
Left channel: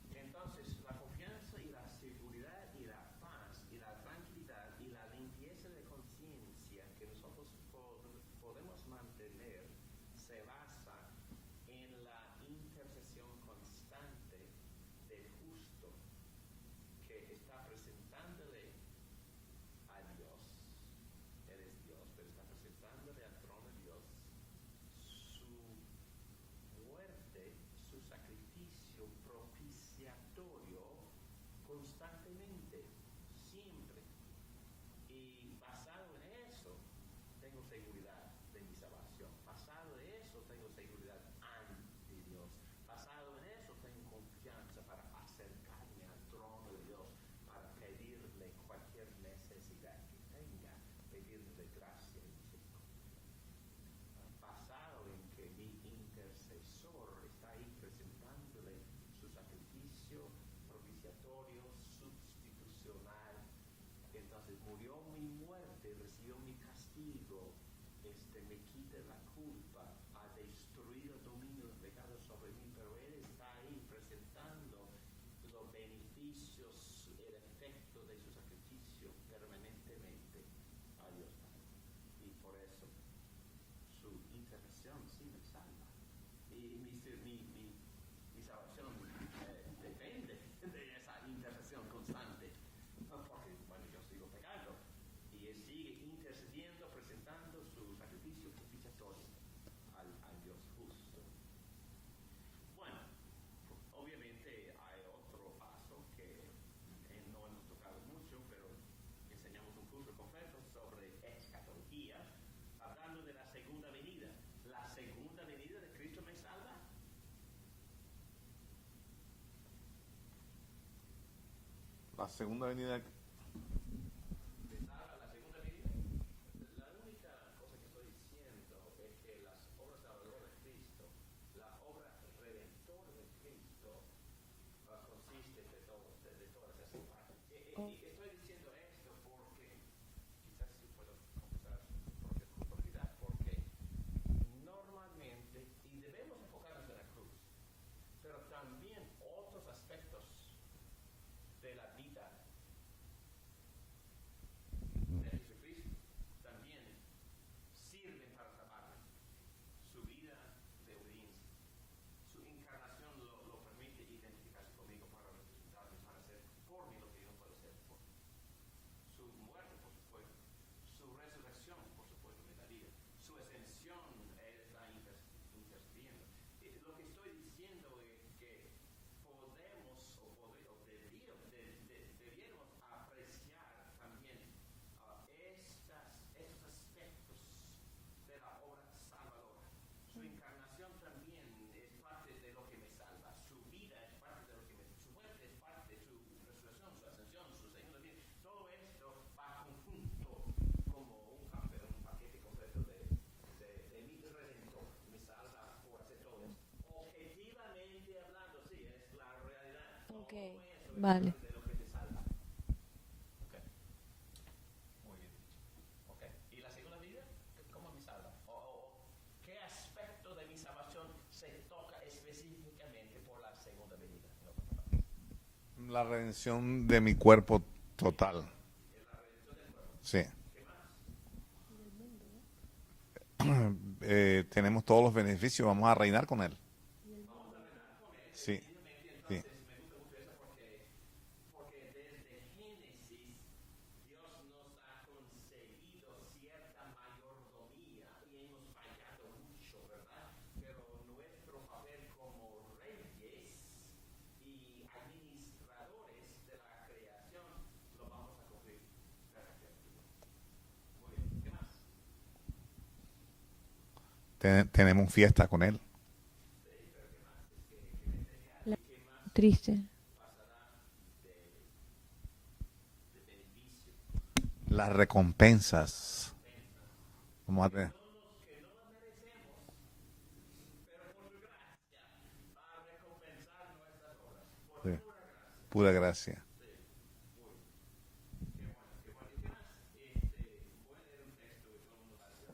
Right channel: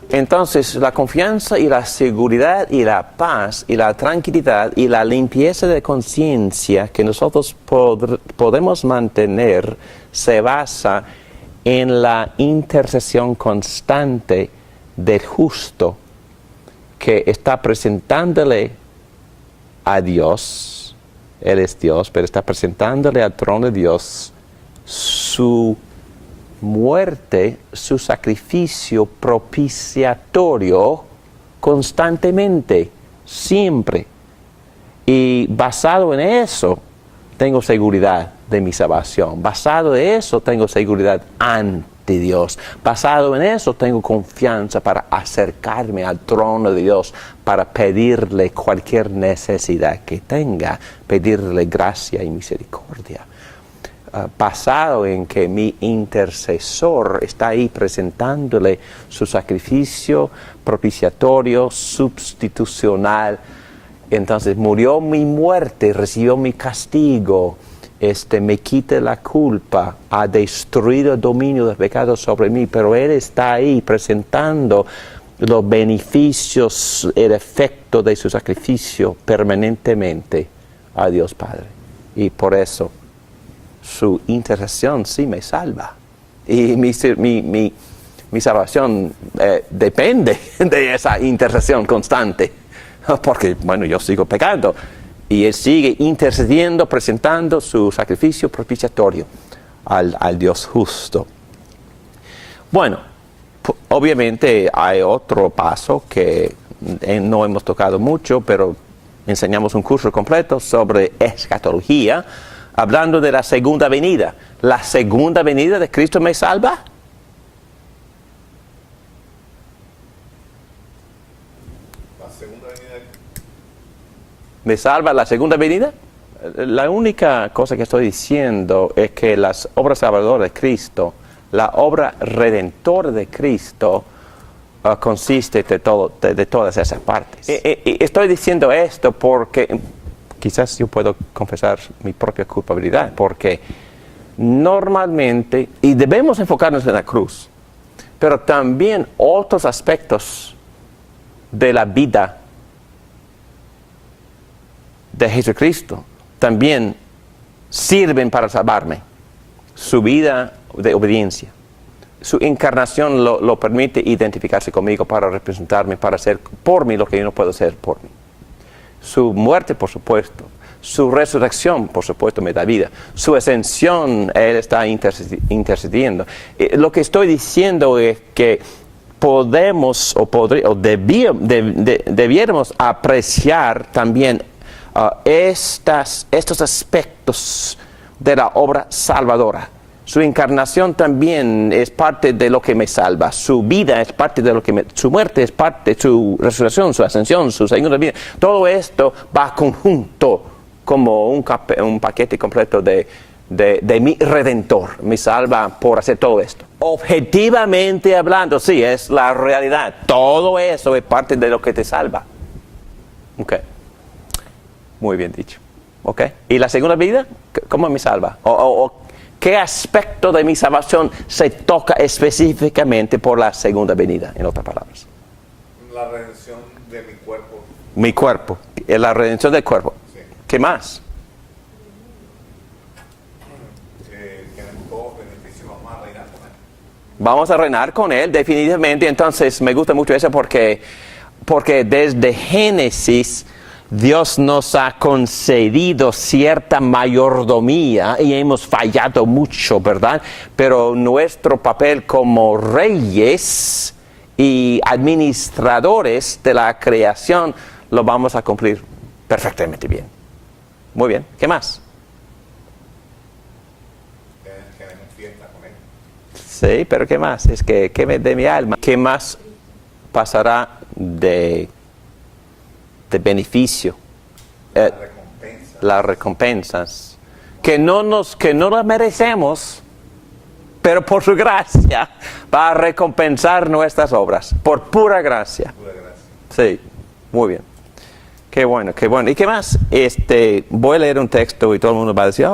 Entonces, la confianza y la seguridad y la paz y la tranquilidad y la limpieza de conciencia que nosotros podemos mantener se basa en la intercesión constante del justo que está presentándole a Dios, Él es Dios, pero está presentándole al trono de Dios su muerte, su sacrificio propiciatorio constantemente, siempre. Y basado en eso, tengo seguridad de mi salvación. Basado en eso, tengo seguridad ante de Dios. Basado en eso, tengo confianza para acercarme al trono de Dios, para pedirle cualquier necesidad que tenga, pedirle gracia y misericordia. Basado en que mi intercesor está ahí presentándole su sacrificio propiciatorio, sustitucional. Entonces murió mi muerte, recibió mi castigo, me quita la culpa, ha destruido el dominio del pecado sobre mí, pero Él está ahí presentando los beneficios, el efecto de su sacrificio permanentemente a Dios Padre. Y por eso su intercesión sí me salva. Y mi salvación depende de esa intercesión constante. Porque, bueno, yo sigo pecando. Y Él sigue intercediendo, presentando su sacrificio propiciatorio al Dios justo. Bueno, obviamente hay otro paso que no hemos tocado mucho, pero enseñamos un curso completo sobre escatología, hablando de la segunda venida. ¿La segunda venida de Cristo me salva? La segunda venida. ¿Me salva la segunda venida? La única cosa que estoy diciendo es que las obras salvadoras de Cristo, la obra redentora de Cristo, consiste de todas esas partes. Estoy diciendo esto porque quizás yo puedo confesar mi propia culpabilidad, porque normalmente, y debemos enfocarnos en la cruz, pero también otros aspectos de la vida de Jesucristo también sirven para salvarme. Su vida de obediencia, su encarnación lo permite identificarse conmigo para representarme, para hacer por mí lo que yo no puedo hacer por mí. Su muerte, por supuesto. Su resurrección, por supuesto, me da vida. Su ascensión, Él está intercediendo. Lo que estoy diciendo es que podemos debiéramos apreciar también estos aspectos de la obra salvadora. Su encarnación también es parte de lo que me salva. Su vida es parte de lo que su muerte es parte, su resurrección, su ascensión, su segunda vida. Todo esto va conjunto como un paquete completo de mi Redentor. Me salva por hacer todo esto. Objetivamente hablando, sí, es la realidad. Todo eso es parte de lo que te salva. Ok. Muy bien dicho. Ok. ¿Y la segunda vida? ¿Cómo me salva? ¿Qué aspecto de mi salvación se toca específicamente por la segunda venida, en otras palabras? La redención de mi cuerpo. Mi cuerpo, la redención del cuerpo. Sí. ¿Qué más? Tenemos todos los beneficios, vamos a reinar con Él. Vamos a reinar con Él, definitivamente. Entonces, me gusta mucho eso porque desde Génesis Dios nos ha concedido cierta mayordomía y hemos fallado mucho, ¿verdad? Pero nuestro papel como reyes y administradores de la creación lo vamos a cumplir perfectamente bien. Muy bien, ¿qué más? Tenemos fiesta con Él. Sí, pero ¿qué más? Es que de mi alma, ¿qué más Triste. pasará de beneficio? Las recompensas. Las recompensas que no las merecemos, pero por su gracia va a recompensar nuestras obras, por pura gracia. Pura gracia. Sí, muy bien. Qué bueno, qué bueno. ¿Y qué más? Voy a leer un texto y todo el mundo va a decir,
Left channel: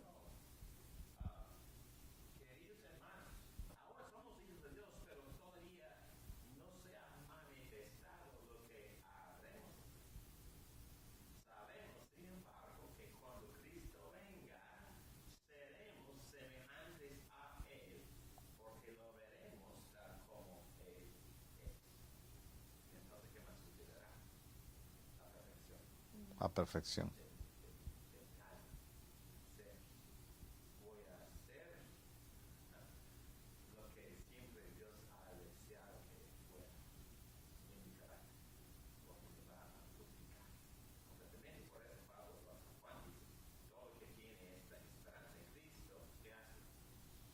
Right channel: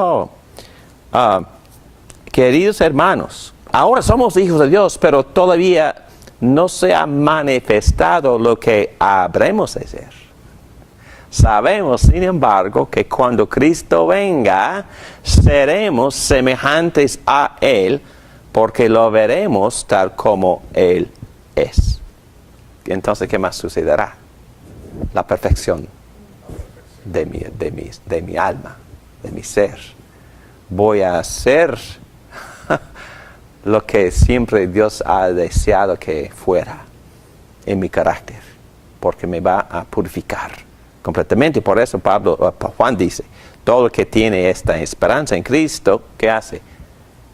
queridos hermanos, ahora somos hijos de Dios, pero todavía no se ha manifestado lo que habremos de ser. Sabemos, sin embargo, que cuando Cristo venga, seremos semejantes a Él, porque lo veremos tal como Él es. Entonces, ¿qué más sucederá? La perfección, de mi alma, de mi ser. Voy a hacer lo que siempre Dios ha deseado que fuera en mi carácter, porque me va a purificar completamente. Por eso Juan dice, todo el que tiene esta esperanza en Cristo, ¿qué hace?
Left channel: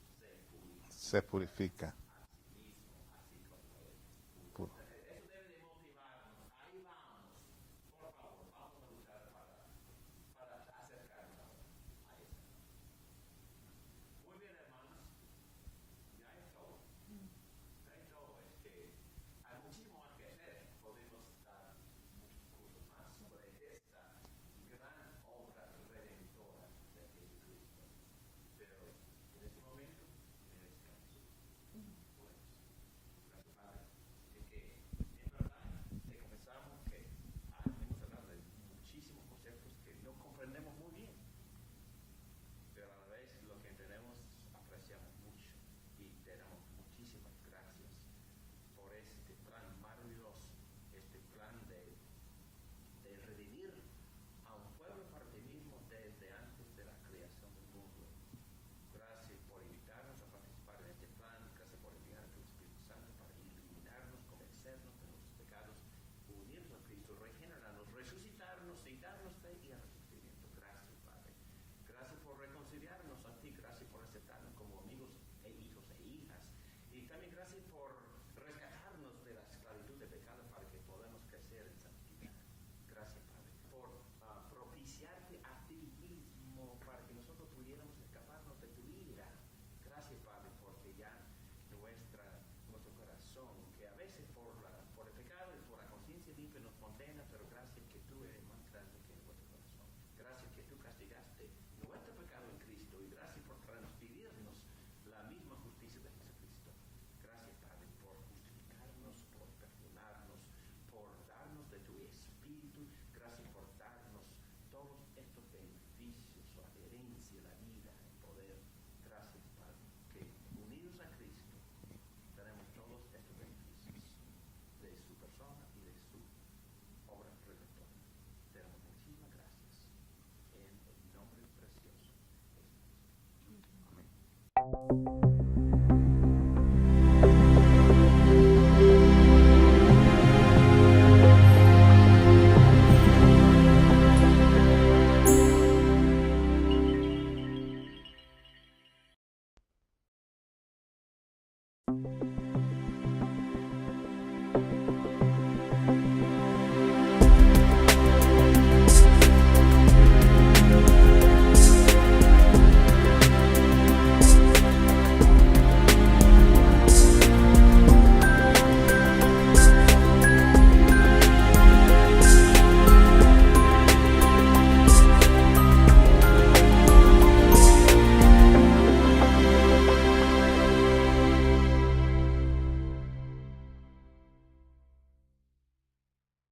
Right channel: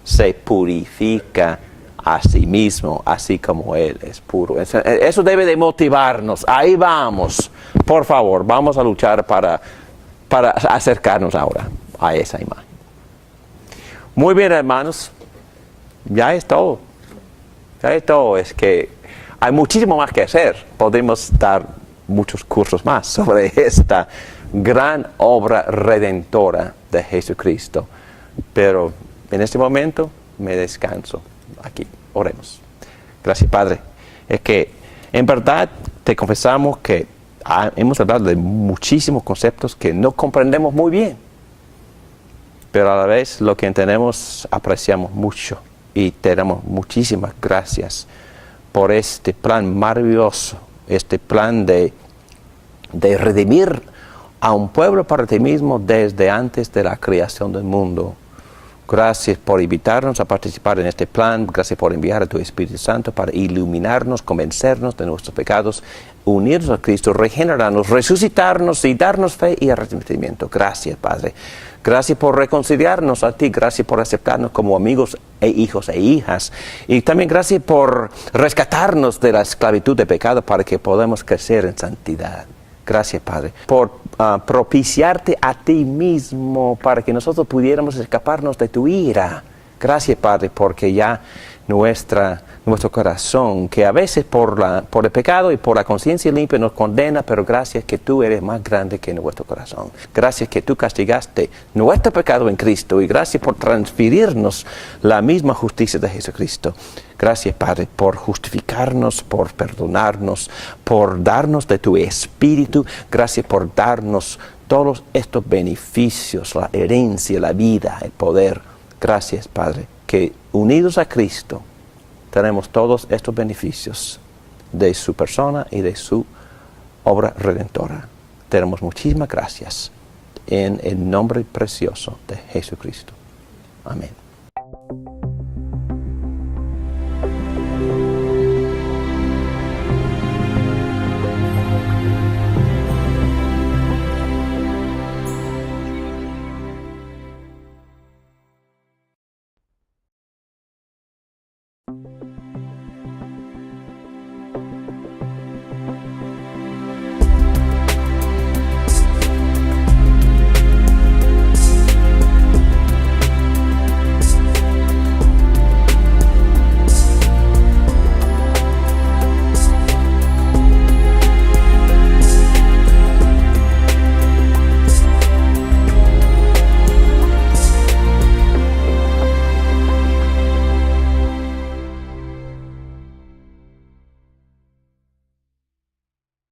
Se purifica a sí mismo, así como Él es puro. Eso debe de motivarnos. Ahí vamos. Por favor, vamos a luchar para acercarnos ahora a esa imagen. Muy bien, hermanos. Ya es todo. Ya es todo. Es que hay muchísimo más que hacer. Podemos dar muchos cursos más sobre esta gran obra redentora de Jesucristo. Pero en este momento me descanso aquí. Oremos. Gracias, Padre. Es que en verdad te confesamos que hemos hablado de muchísimos conceptos que no comprendemos muy bien. Pero a la vez lo que entendemos apreciamos mucho. Y te damos muchísimas gracias por este plan maravilloso, este plan de redimir a un pueblo para ti mismo desde antes de la creación del mundo. Gracias por invitarnos a participar en este plan. Gracias por enviar a tu Espíritu Santo para iluminarnos, convencernos de nuestros pecados, unirnos a Cristo, regenerarnos, resucitarnos y darnos fe y arrepentimiento. Gracias, Padre. Gracias por reconciliarnos a ti. Gracias por aceptarnos como amigos e hijos e hijas. Y también gracias por rescatarnos de la esclavitud de pecado para que podamos crecer en santidad. Gracias, Padre, por propiciarte a ti mismo para que nosotros pudiéramos escaparnos de tu ira. Gracias, Padre, porque ya nuestro corazón, que a veces por el pecado y por la conciencia limpia nos condena, pero gracias que tú eres más grande que nuestro corazón. Gracias que tú castigaste nuestro pecado en Cristo y gracias por transferirnos la misma justicia de Jesucristo. Gracias, Padre, por justificarnos, por perdonarnos, por darnos de tu Espíritu. Gracias por darnos todos estos beneficios, la herencia, la vida, el poder. Gracias, Padre, que unidos a Cristo tenemos todos estos beneficios de su persona y de su obra redentora. Te damos muchísimas gracias en el nombre precioso de Jesucristo. Amén.